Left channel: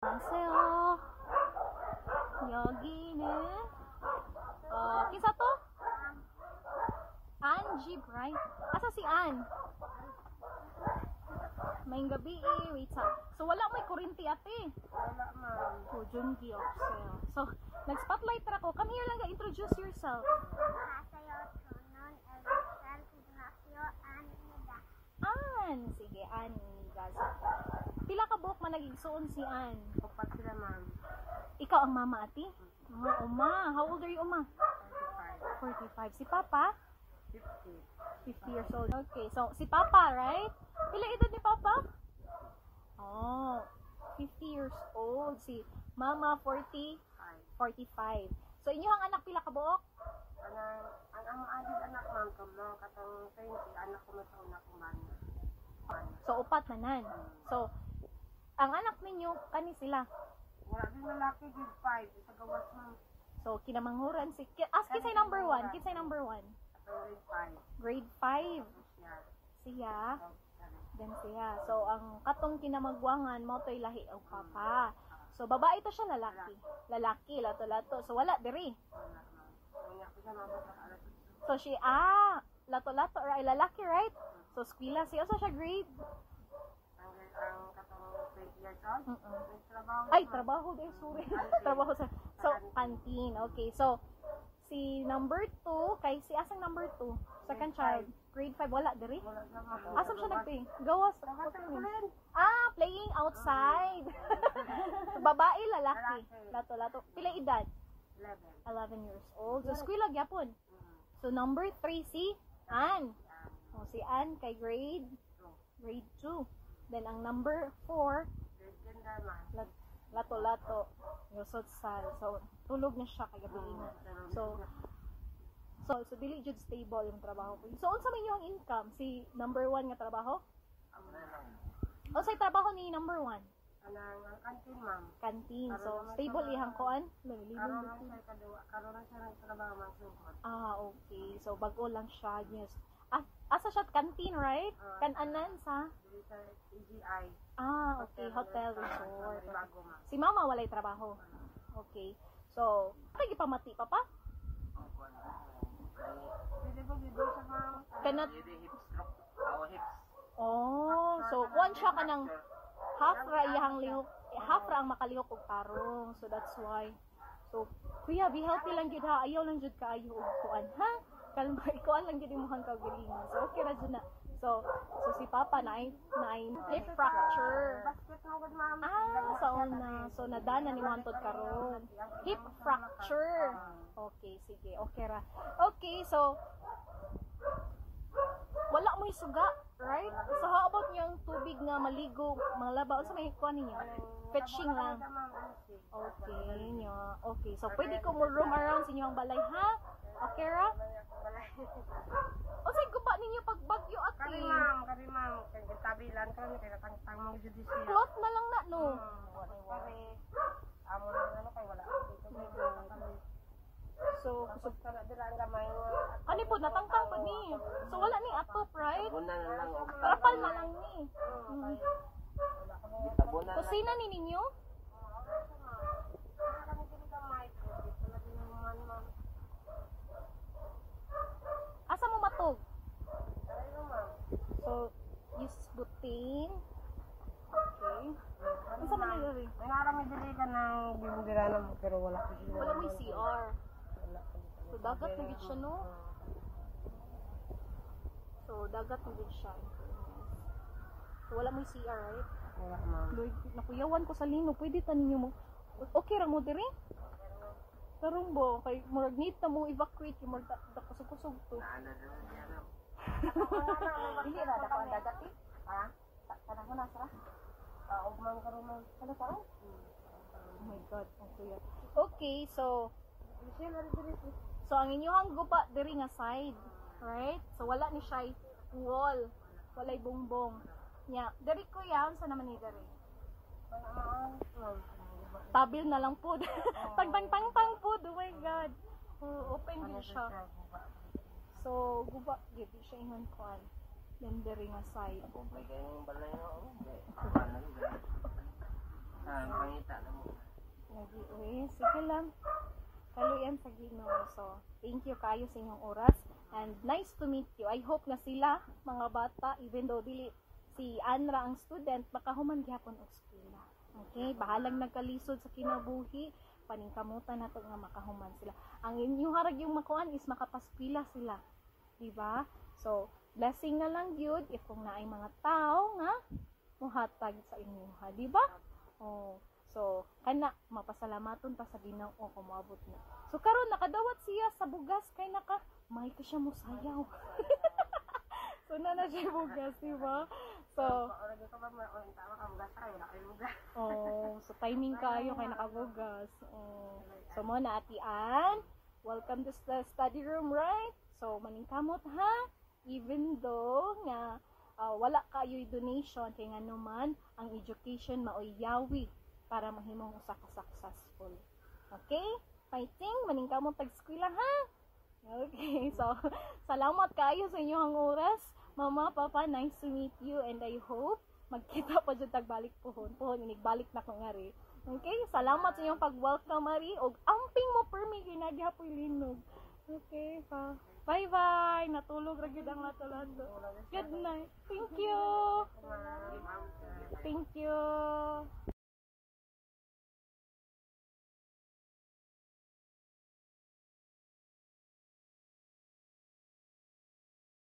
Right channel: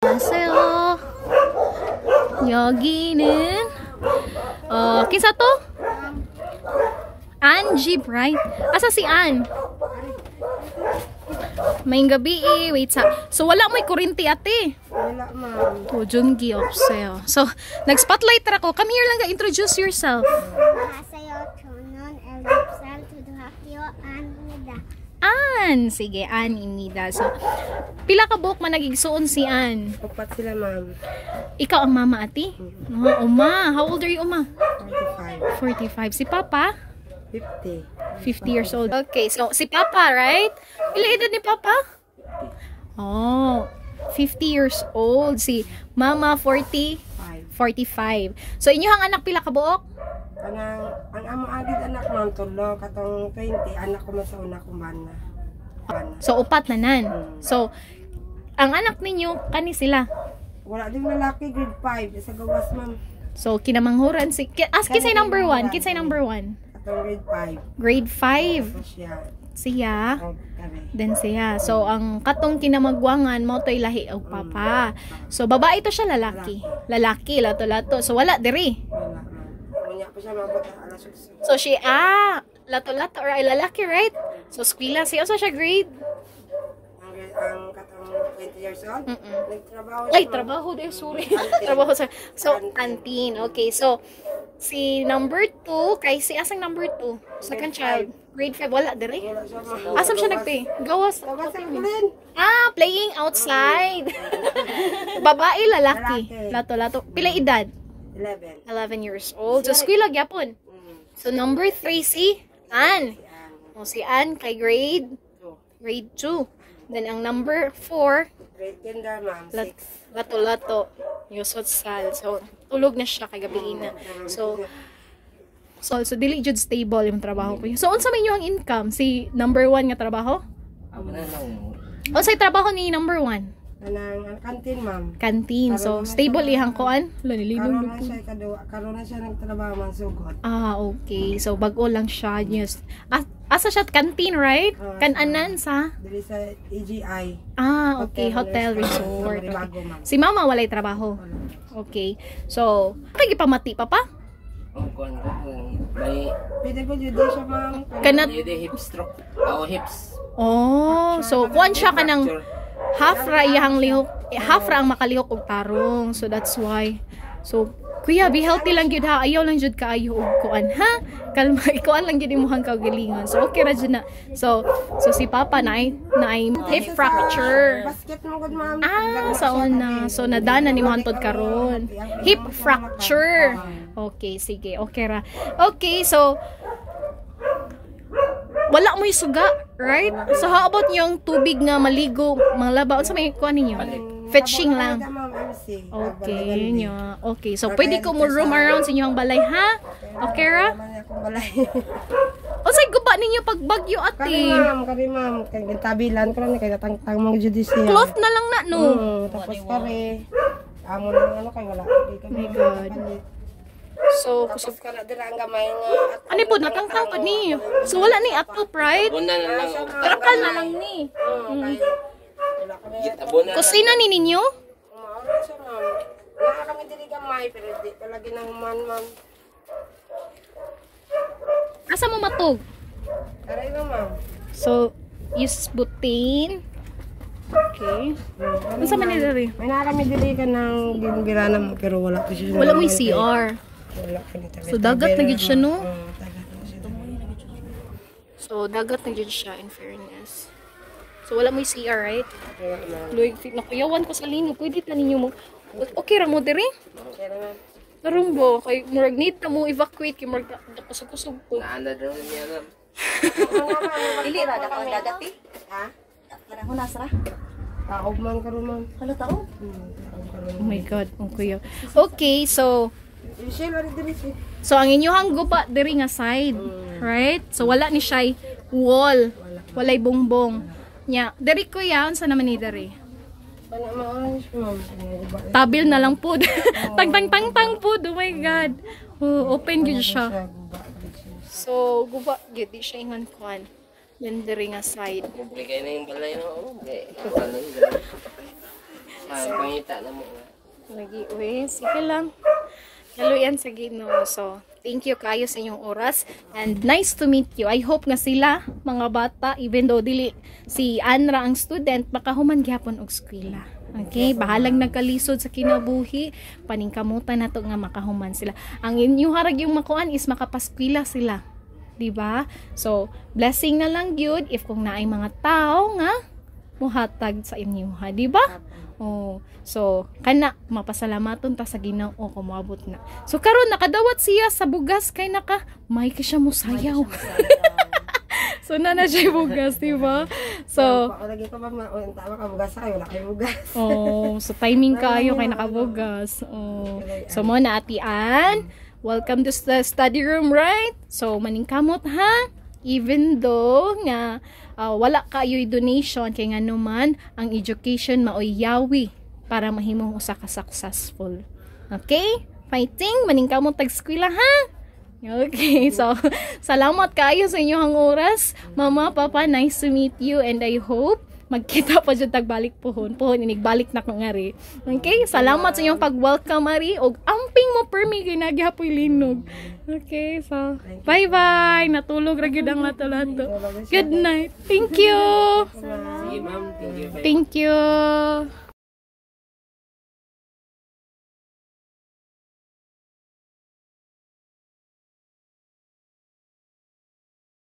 안녕하세요. 여기는 kinsa to? Angie Bright. Asa si Ann? May gabi wait sa. So wala mo'y kuryente ate. Wala, ma'am. To Jungi Opseo. So nag-spotlight ra ko. Come here lang ga introduce yourself. Hasayo Chunon Elipsal Tudhakyo Anida. Ann. Sige, Ann Inida. So pila ka buhok man nagigsuon si Ann? Upat sila, ma'am. Ikaw ang mama ati? Oh, uma. How old are you, uma? 45. 45. Si Papa? 50. 50 years old. Okay, so si Papa, right? Ilan edad ni Papa? Oh, 50 years old. Si Mama, 40? 45. So, inyong anak pila ka buok? Ang amo agad anak, ma'am, tulo. Katong 20, anak ko man sa una kong bana. So, upat na nan. So, ang anak ninyo, kani sila? Wala din lalaki, grade 5. Sa gawas, ma'am. So, kinamanghuran si... Kinsay number 1? Kinsay number 1? Katong grade 5. Grade 5. Tapos siya. Siya. Oh, kare. Then siya. So, ang katong kinamagwangan mo to'y lahi og Papa. So, babae to siya lalaki. Lalaki, lato-lato. So, wala diri. Wala, ma'am. Unya pa siya mabot alas 8. So, she, lato-lato or ay lalaki, right? So, skwila siya. So, siya grade? Ang katong 20 years old. Nagtrabaho siya, Ay, ma'am. trabaho din. Sorry. Trabaho sa... So, Antin. Okay, so, si number 2, kay si asang number 2? Second child. Grade 5. Wala diri? Wala siya, ma'am. Asam siya nagpay? Gawas. Gawas ang kulin. Playing outside. Babae, lalaki. Lalaki. Lato-lato. Pila edad? 11. 11 years old. So, skwila gyapon. So, number 3 si Ann. O, si Ann kay grade 2. Then, ang number 4, Grade kinder, ma'am. 6. lato-lato. Yusot sal. So, tulog na siya kay gabi na. So, dili jud stable yung trabaho ko. So, unsa man yung income? Si number 1 nga trabaho? Unsay trabaho ni number 1? Ang kantin, ma'am. Canteen. So, stable ihang kuan? Karoon na siya kadua. Karoon na siya nagtrabaho man sugod. Okay. So, bago lang siya. Yes. Asa siya canteen, right? Kananan sa? Dili sa EGI. Okay. Hotel resort. Okay. Bago, ma'am. Si mama walay trabaho. Okay. So, pagi pamati pa pa? May PWD siya, ma'am. Kanat. hip stroke o hips. So kuan siya kanang half ra iyang lihok, half ra ang makalihok og tarong. So that's why. So kuya, be healthy lang gyud ha. Ayaw lang jud kaayo og kuan ha. Kalma, ikuan lang gyud imong kaugalingon. So okay ra jud na. So si Papa na ay hip fracture. Basket mo gud, ma'am. Sa una. So nadana ni mo hantod karon. Hip fracture. Okay, sige. Okay ra. Okay, so wala mo suga, right? So how about yung tubig nga maligo, manglaba, unsa may kuan ninyo? Fetching lang. Okay, nya. Okay, so pwede ko mo roam around sa inyong balay, ha? Okay ra? Unsay guba ninyo pag bagyo ate? Kari ma'am, kay tabilan ko lang kay natangtang mo judicial. Cloth na lang na no. Tapos kare amo lang ano kay wala. Oh my God. So, Kusog ka na dira ang gamay nga. ani po natangtang pod ni. So wala ni ato pride. Una na lang. Karakal na lang ni. Wala kami. Tabuna na. Kusina ni ninyo? Wala siya, ma'am. Wala kami diri gamay pero di palagi na human, ma'am. Asa mo matog? Kare na, ma'am. So, use butane. Okay. Unsa man ni diri? May na kami diri ka ng ginbirana mo pero wala ko siya. Wala mo CR. Wala ko nito. So dagat na gid siya no? Dagat na siya. So dagat na gid siya in fairness. So wala mo CR, right? Luig fit na kuyawan ko sa lino. Pwede ta ninyo mo. Okay ra mo diri? Okay na, ma'am. Aron bo kay murag need ta mo evacuate kay murag kusog-kusog ko. Naanda daw niya lang. Dili ra dapat dagat eh. Ha? Para hunas ra. Taog man karon, ma'am. Hala tao. Oh my god, ang kuya. Okay, so Siya lang diri siya. so ang inyohang guba diri nga side, right? So wala ni siya wall. Walay bongbong. Nya, diri kuya unsa naman ni diri? Wala ma-orange, ma'am. Tabil na lang po. Tang po. Oh my god. Oh, open gyud siya. So, guba gyud di siya ingon kuan. Yan diri nga side. Publikay na yung balay no. Okay. Pangita na mo nga. Lagi, uy. Sige lang. Hello yan sa Ginoo. So, thank you kayo sa inyong oras. And nice to meet you. I hope nga sila, mga bata, even though dili si Anra ang student, makahuman gyapon og eskwela. Okay, bahalang nagkalisod sa kinabuhi, paningkamutan nato nga makahuman sila. Ang inyo harag yung makuan is makapaskwela sila. 'Di ba? So, blessing na lang gyud if kung naay mga tao nga muhatag sa inyo, ha, 'di ba? Oh, so kana mapasalamaton ta sa Ginoo kung moabot na. So karon nakadawat siya sa bugas kay naka may ka siya mosayaw. So na siya bugas, di ba? So Lagi ko ba tama ka bugas ay wala kay bugas. oh, so timing kayo kay nakabugas. Oh. So mo na atian. Welcome to the study room, right? So maningkamot ha. Even though nga wala kayo'y donation kay nga naman ang education maoy yawi para mahimong usa ka successful. Okay? Fighting maningkamot tag-eskwela ha. Okay, so salamat kayo sa inyong oras. Mama, Papa, nice to meet you and I hope magkita pa dyan tagbalik pohon. Pohon, inigbalik na ko nga rin. Okay, salamat sa inyong pag-welcome, Ari. O amping mo permi, ginagyapoy linog. Okay, so bye-bye. Natulog ra gyud ang lato-lato. Good night. Thank you. Sige ma'am, thank you. Thank you.